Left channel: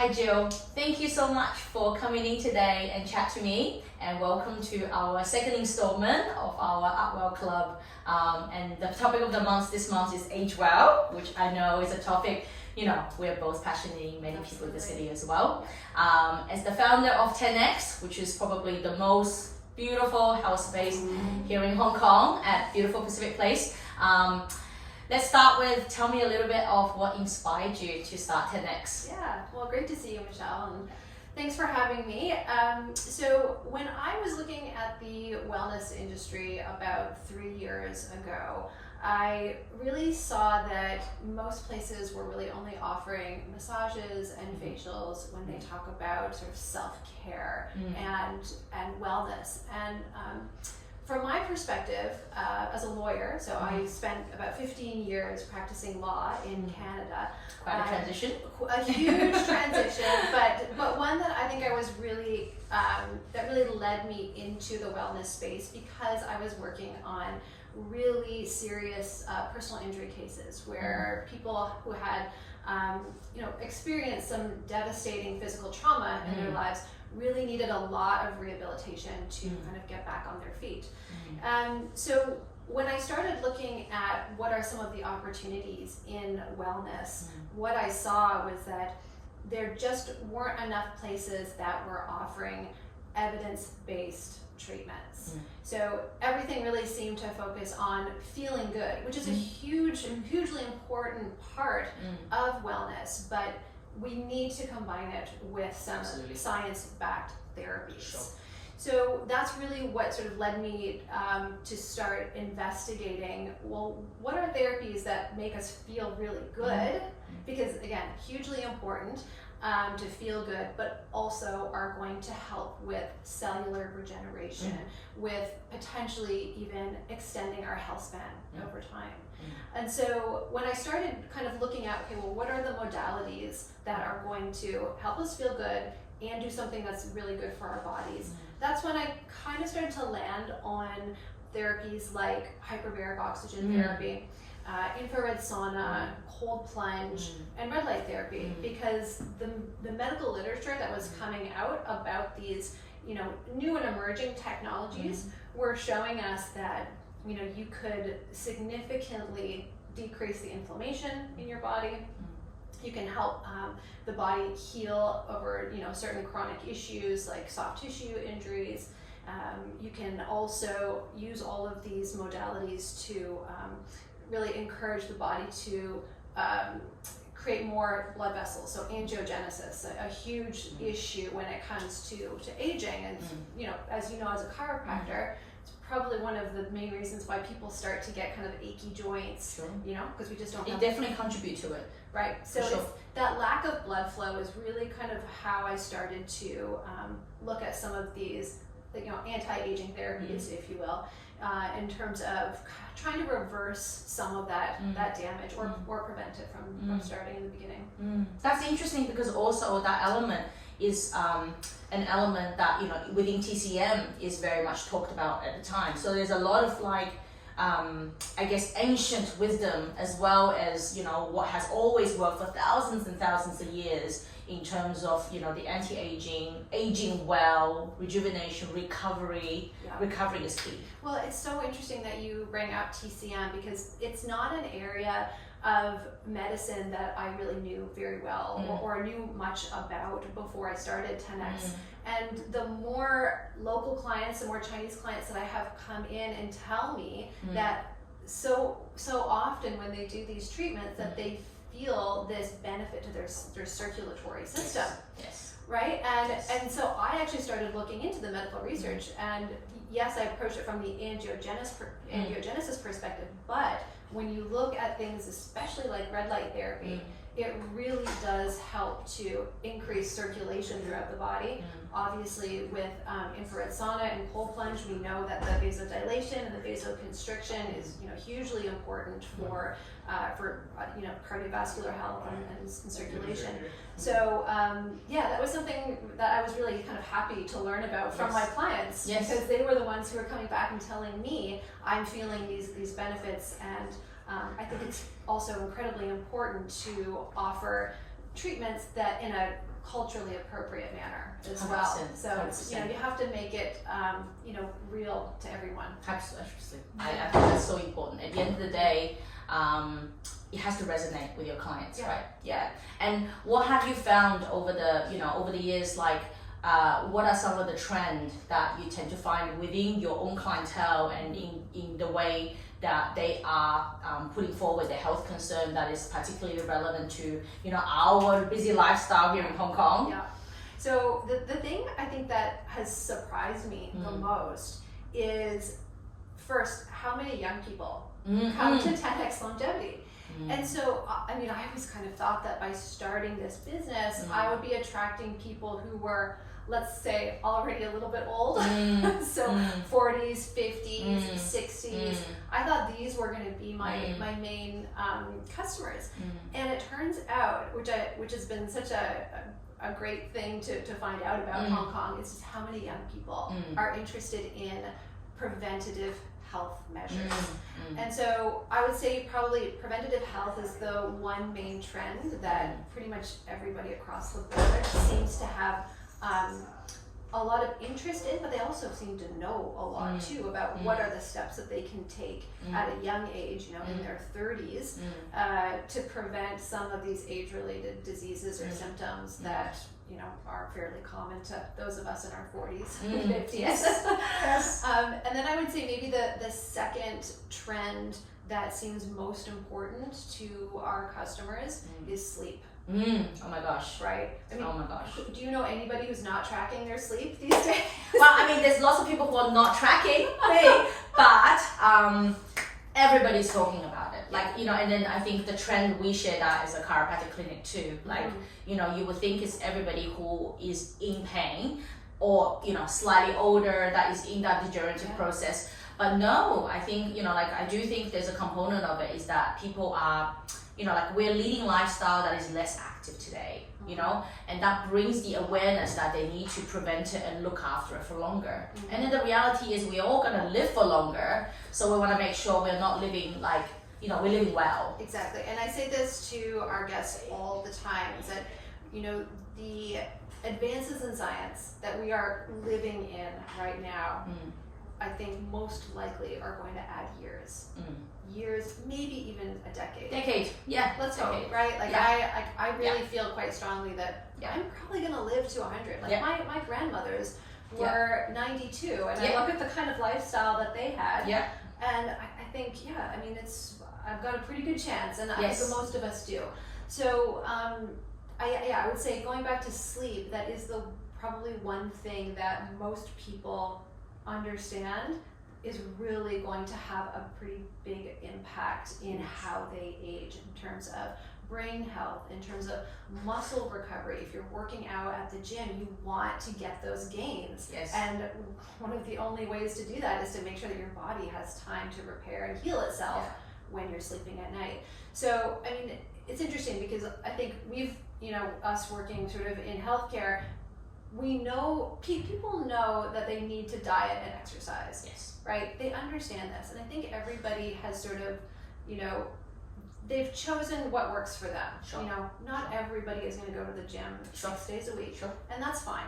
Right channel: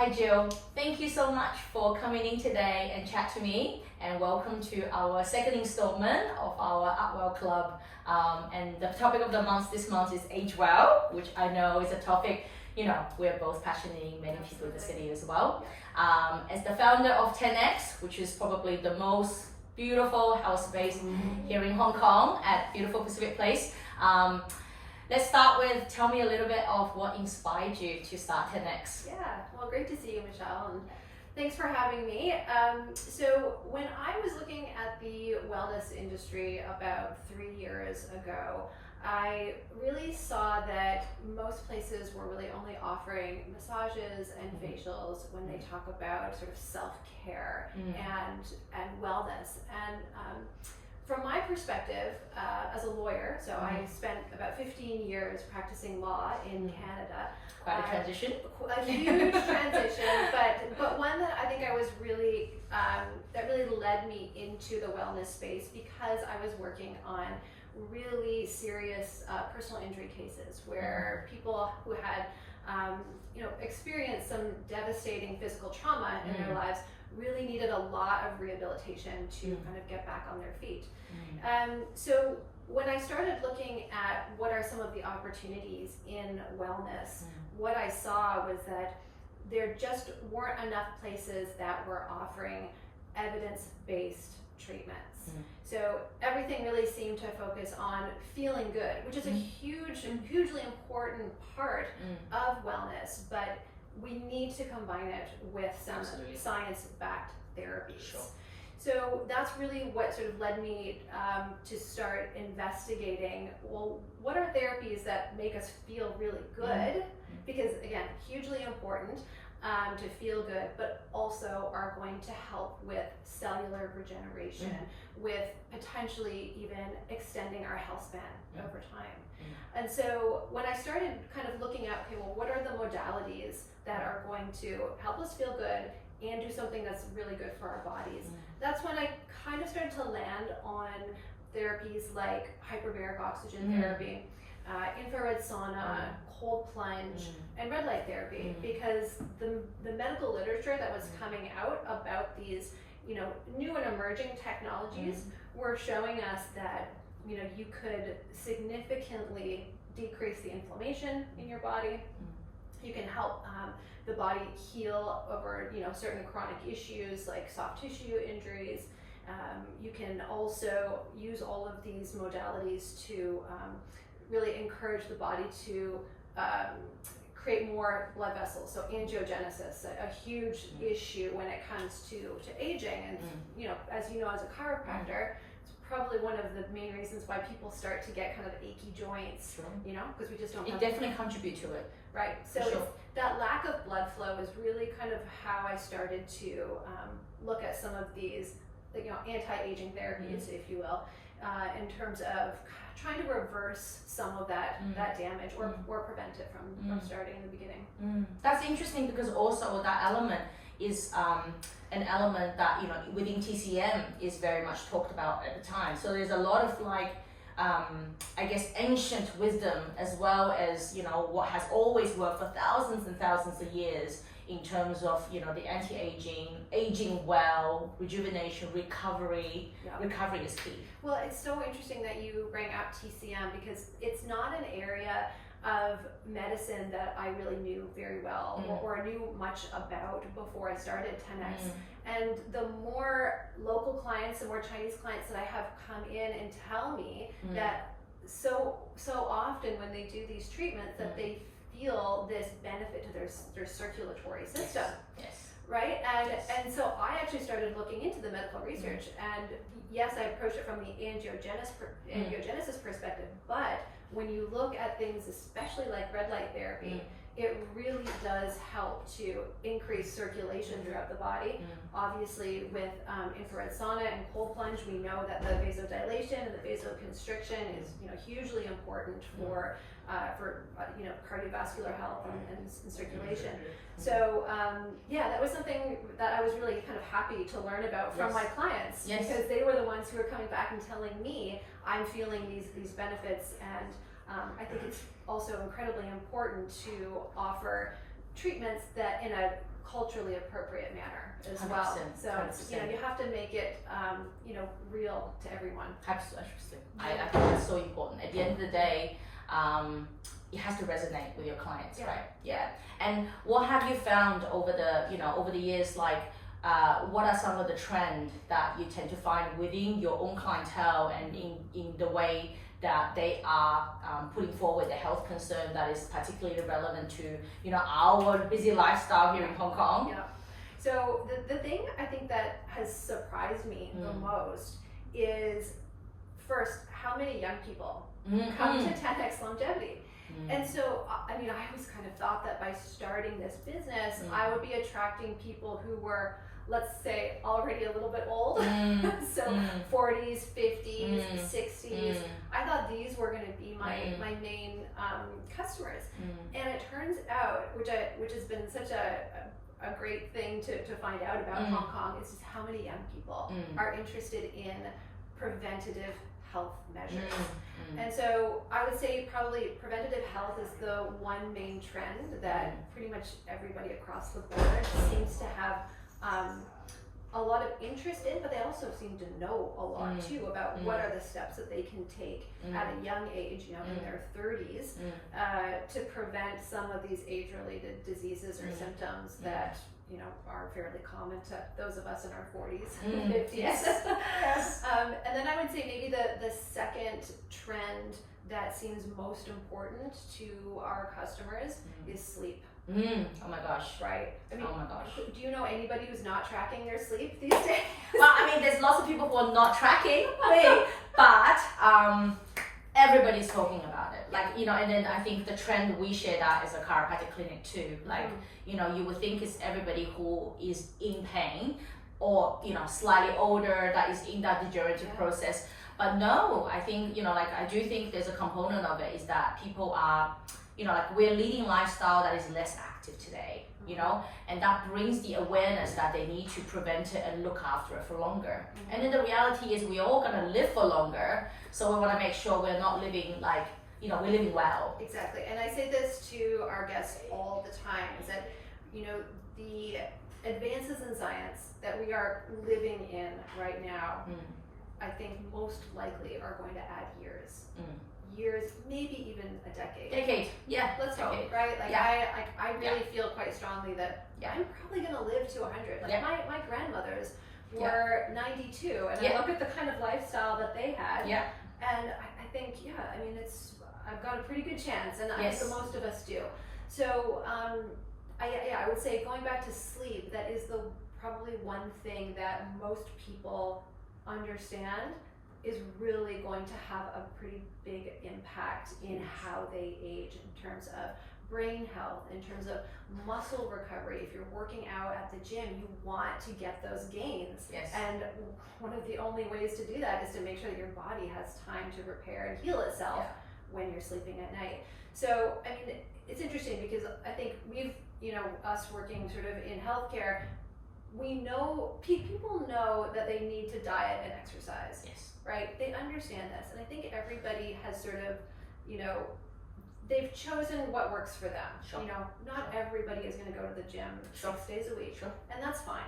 Hi Jill, thank you so much for coming in today and chat to me, and welcome to our second installment of our Upwell Club. And the topic of the month this month is Age Well, which I know is a topic we're both passionate, many people in the city as well. As the founder of 10X, which is probably the most beautiful health space here in Hong Kong at beautiful Pacific Place. Let's start with, tell me a little bit of what inspired you to start 10X. Yeah, well, great to see you, Michelle, and thanks for having me. So when I was looking at the wellness industry about 3 years ago, I really saw that most places were really only offering massages and facials when they talk about sort of self-care and wellness. And from my perspective, as a lawyer, so I spent about 15 years practicing law in Canada. Quite a transition. A huge transition, but one that I think I was really, that really led me into the wellness space because I was working on really serious personal injury cases where people who had experienced some devastating physical trauma in their lives really needed a lot of rehabilitation to kind of get back on their feet. So when I started looking at what are some of the opportunities in wellness, what I saw was that there just weren't enough places that were offering evidence-based treatments. So everything really seemed to focus on feeling good, which is a hugely important part of wellness, but we need to combine it with some science-backed therapies. Sure. So that's really what sort of led me to start investigating, well, what are therapies that make us feel really good? Because again, hugely important to feel good, but also are going to help with cellular regeneration, with potentially even extending our health span over time. And so when I started kind of looking at, okay, well, what are the modalities that are going to help us feel good and do something that's really good for our bodies, that's when I kind of started to land on therapies like hyperbaric oxygen therapy, infrared sauna, cold plunge, and red light therapy, because the medical literature that was coming out about these new and emerging technologies were showing us that you could significantly decrease the inflammation in your body. You can help the body heal over certain chronic issues like soft tissue injuries. You can also use all of these modalities to really encourage the body to create more blood vessels. So angiogenesis, a huge issue when it comes to aging. And as you know, as a chiropractor, it's probably one of the main reasons why people start to get kind of achy joints. Because we just don't. It definitely contributes to it. Right. So that lack of blood flow is really kind of how I started to look at some of these, anti-aging therapies, if you will, in terms of trying to reverse some of that damage or prevent it from starting in the beginning. That's interesting because also that element is an element that within TCM is very much talked about at the time. So there's a lot of I guess ancient wisdom as well as what has always worked for thousands and thousands of years in terms of the anti-aging, aging well, rejuvenation, recovery. Recovery is key. Well, it's so interesting that you bring up TCM because it's not an area of medicine that I really knew very well or knew much about before I started 10X. And the more local clients, the more Chinese clients that I have come in and tell me that so often when they do these treatments that they feel this benefit to their circulatory system. Yes. Right? And so I actually started looking into the medical research, and yes, I approached it from the angiogenesis perspective, but when you look at things, especially like red light therapy, it really does help to increase circulation throughout the body. Obviously, with infrared sauna and cold plunge, we know that the vasodilation and the vasoconstriction is hugely important for cardiovascular health and circulation. So that was something that I was really kind of happy to learn about from my clients because they were the ones who were coming back and telling me I'm feeling these benefits, and I think it's also incredibly important to offer treatments that in a culturally appropriate manner as well. 100%, So it's, you know, you have to make it you know, real to everyone. Absolutely. I think that's so important. At the end of the day, it has to resonate with your clients, right? Yeah. And what have you found over the years, like what are some of the trends that you tend to find within your own clientele and in the way that they are putting forward the health concern that is particularly relevant to, you know, our busy lifestyle here in Hong Kong? Yeah. So the thing I think that has surprised me the most is, first, how many young people come to 10x Longevity. And so, I mean, I always kind of thought that by starting this business, I would be attracting people who were, let's say, already a little bit old. So 40s, 50s, 60s. I thought these were going to be my main customers. And it turns out, which has been such a great thing to find out about Hong Kong, is just how many young people are interested in preventative health measures. And so I would say probably preventative health is the one main trend that pretty much everybody across the board seems to have a lot of interest in, but they also seem to know a lot too about what are the steps that they can take at a young age, you know, in their 30s, to prevent some of these age-related diseases or symptoms that, you know, are fairly common to those of us in our 40s and 50s. Yes. And then I would say maybe the second trend that seems most important to our customers is sleep. Oh my gosh. Right? I mean, oh my gosh. Do you know anybody who's not tracking their sleep these days? Well, I mean, there's lots of people who are not tracking me, but everybody's talking about it. Like, you know, and then I think the trend, we share that as a chiropractic clinic too. Like, you know, you would think it's everybody who is in pain or, you know, slightly older that is in that degenerative process. But no, I think, you know, like I do think there's a component of it is that people are, you know, like we're leading lifestyle that is less active today, you know, and that brings the awareness that they need to prevent it and look after it for longer. And then the reality is we're all gonna live for longer, so we wanna make sure we're not living like, you know, we're living well. Exactly, and I say this to our guests all the time, is that, you know, the advances in science that we are living in right now, I think most likely are going to add years. Years, maybe even a decade. Yeah. Let's hope, right? Like I really feel quite strongly that I'm probably gonna live to 100. Like my grandmothers were 92, and I look at the kind of lifestyle that they had, and I think, I mean, I've got a pretty good chance, and I think most of us do. So I would say, going back to sleep, that is the probably one thing that most people understand is really going to have a pretty big impact in how they age, in terms of brain health, in terms of muscle recovery. If you're working out at the gym, you want to get those gains. And one of the only ways to do that is to make sure that your body has time to repair and heal itself when you're sleeping at night. So, I mean, it's interesting because I think we've, you know, us working sort of in healthcare, we know, people know that they need to diet and exercise. Right? They understand this. And I think everybody has sort of, you know, they've chosen what works for them. You know, not everybody is going to go to the gym 6 days a week. And that's fine.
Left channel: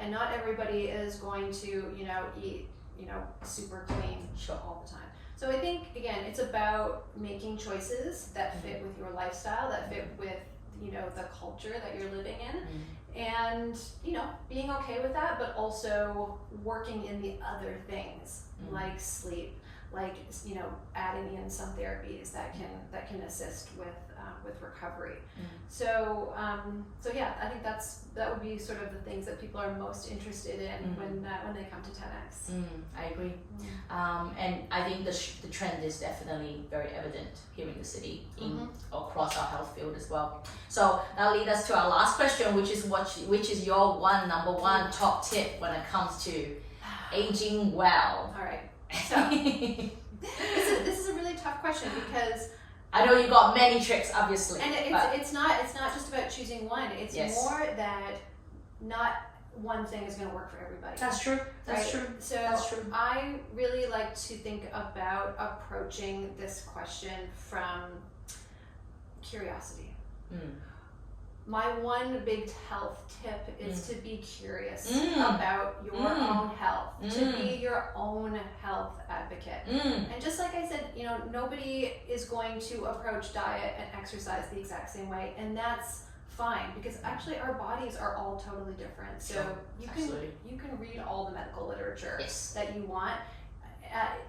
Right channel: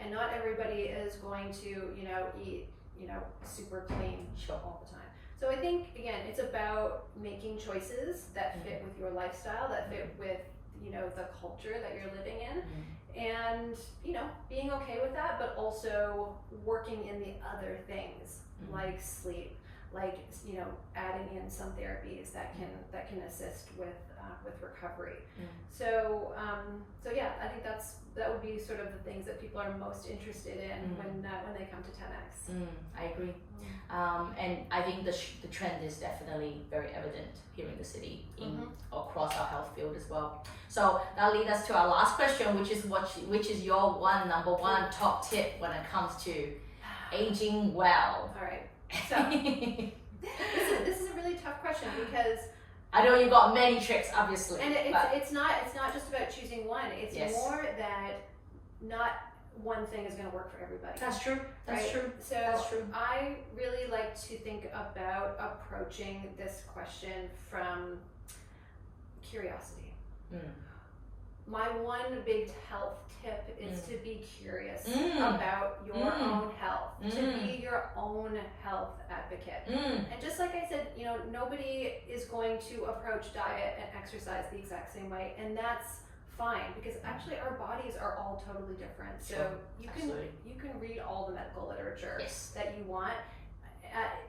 And not everybody is going to, you know, eat, you know, super clean all the time. So I think, again, it's about making choices that fit with your lifestyle, that fit with, you know, the culture that you're living in. And, you know, being okay with that, but also working in the other things like sleep, like, you know, adding in some therapies that can assist with recovery. So yeah, I think that would be sort of the things that people are most interested in when they come to 10x. I agree. And I think the trend is definitely very evident here in the city, across our health field as well. So that leads us to our last question, which is your number one top tip when it comes to aging well. All right. So this is a really tough question, because I know you got many tricks, obviously. And it's not just about choosing one. It's more that not one thing is going to work for everybody. That's true. That's true. So I really like to think about approaching this question from curiosity. my one big health tip is to be curious Mm. about your Mm. own health, to be your own health advocate. And just like I said, you know, nobody is going to approach diet and exercise the exact same way, and that's fine, because actually our bodies are all totally different. So Sure. you Absolutely. can read all the medical literature Yes. that you want.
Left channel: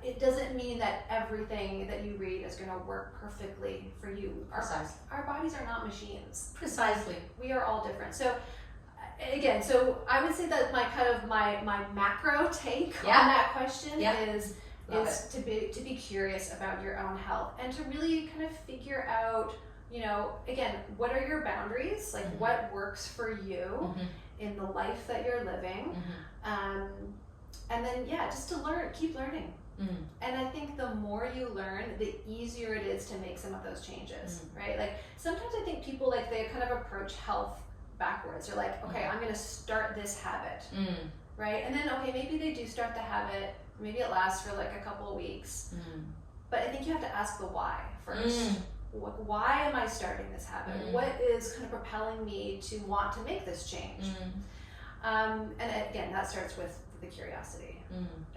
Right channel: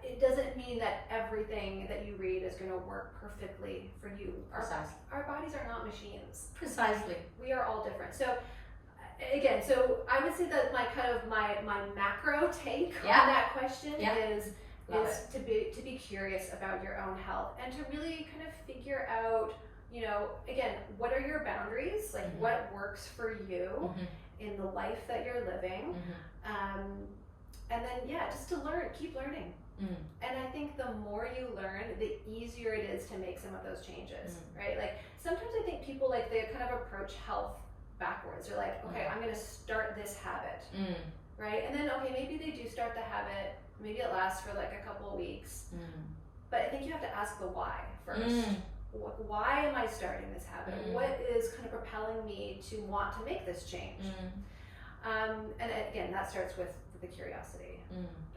It doesn't mean that everything that you read is going to work perfectly for you. Precisely. Our bodies are not machines. Precisely. We are all different. So again, so I would say that my macro take Yeah. on that question Yeah. is Love to be curious about your own health, and to really kind of figure out, you know, again, what are your boundaries? Like Mhm. what works for you Mhm. in the life that you're living. Mhm. And then, yeah, just to keep learning. Mm. And I think the more you learn, the easier it is to make some of those changes, right? Like sometimes I think people, like, they kind of approach health backwards. They're like, okay, I'm going to start this habit, Mm. right? And then, okay, maybe they do start the habit, maybe it lasts for like a couple of weeks. Mm. But I think you have to ask the why first. Mm. Why am I starting this habit? Mm. What is kind of propelling me to want to make this change? And again, that starts with the curiosity.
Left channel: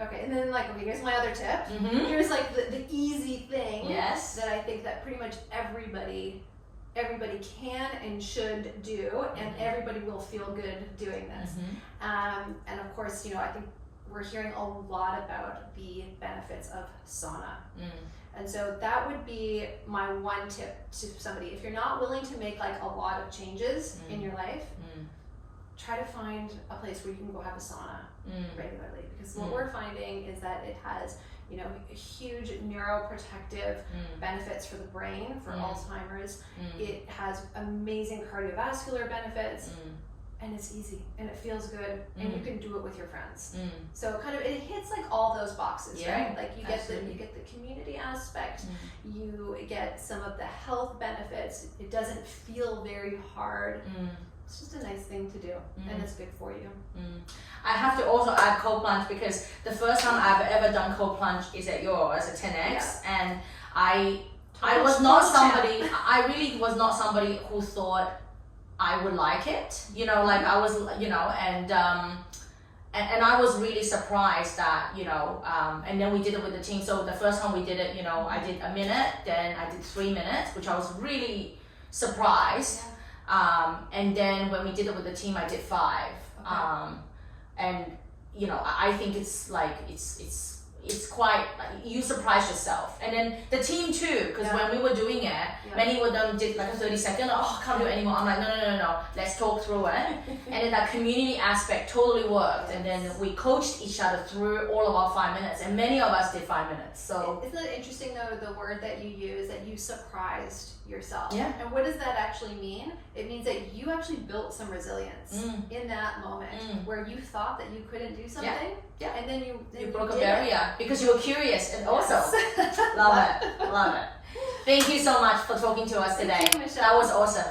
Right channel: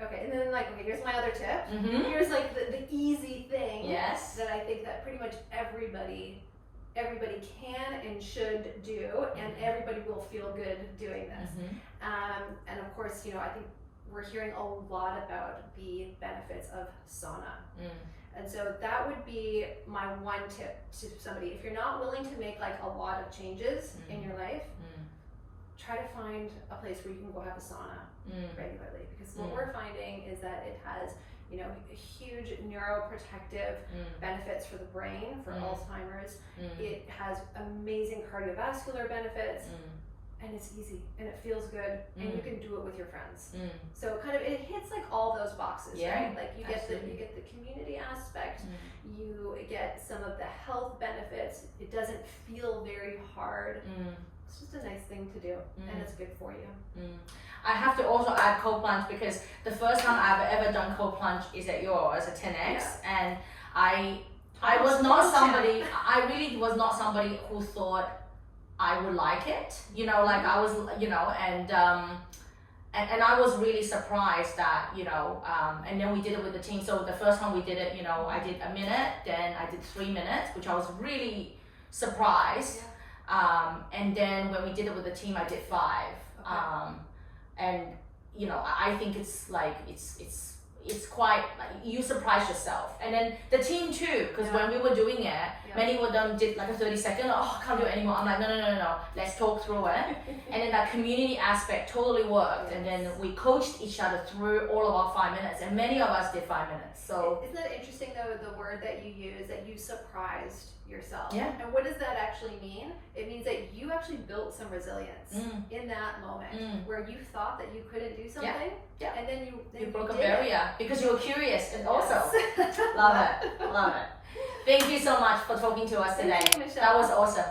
Okay, and then, like, okay, here's my other tip. Mm-hmm. Here's like the easy thing Yes. that I think that pretty much everybody can and should do, and everybody will feel good doing this. And of course, you know, I think we're hearing a lot about the benefits of sauna. And so that would be my one tip to somebody. If you're not willing to make like a lot of changes in your life, try to find a place where you can go have a sauna regularly, because what we're finding is that it has, you know, huge neuroprotective benefits for the brain, for Alzheimer's. It has amazing cardiovascular benefits, and it's easy and it feels good, and you can do it with your friends. So kind of it hits like all those boxes, Yeah, right? Like you get the community aspect, you get some of the health benefits. It doesn't feel very hard. It's just a nice thing to do, and it's good for you. I have to also add cold plunge, because the first time I've ever done cold plunge is at yours at 10x, and I was not somebody. I really was not somebody who thought I would like it. You know, like I was, you know, and I was really surprised that, you know, and then we did it with the team. So the first time we did it, you know, I did a minute, then I did 3 minutes, which I was really surprised. And then when we did it with the team, I did 5. And you know, I think it's like it's quite like you surprise yourself, and then the team too, because when we were doing it, many of them did like a 30-second. Oh, I can't do it anymore. I'm like, no. Let's talk through it. And then that community aspect totally worked. And then we coached each other through all of our 5 minutes, and many of us did 5 minutes. So isn't it interesting though, the word that you use, that you surprised yourself? Yeah. And what does that actually mean? It means that you actually built some resilience in that moment where you thought that you couldn't do something. Yeah. And then you broke a did barrier because you were curious, and also Yes. love it. Thank you so much for talking to us today. Thank you, Michelle. That was awesome.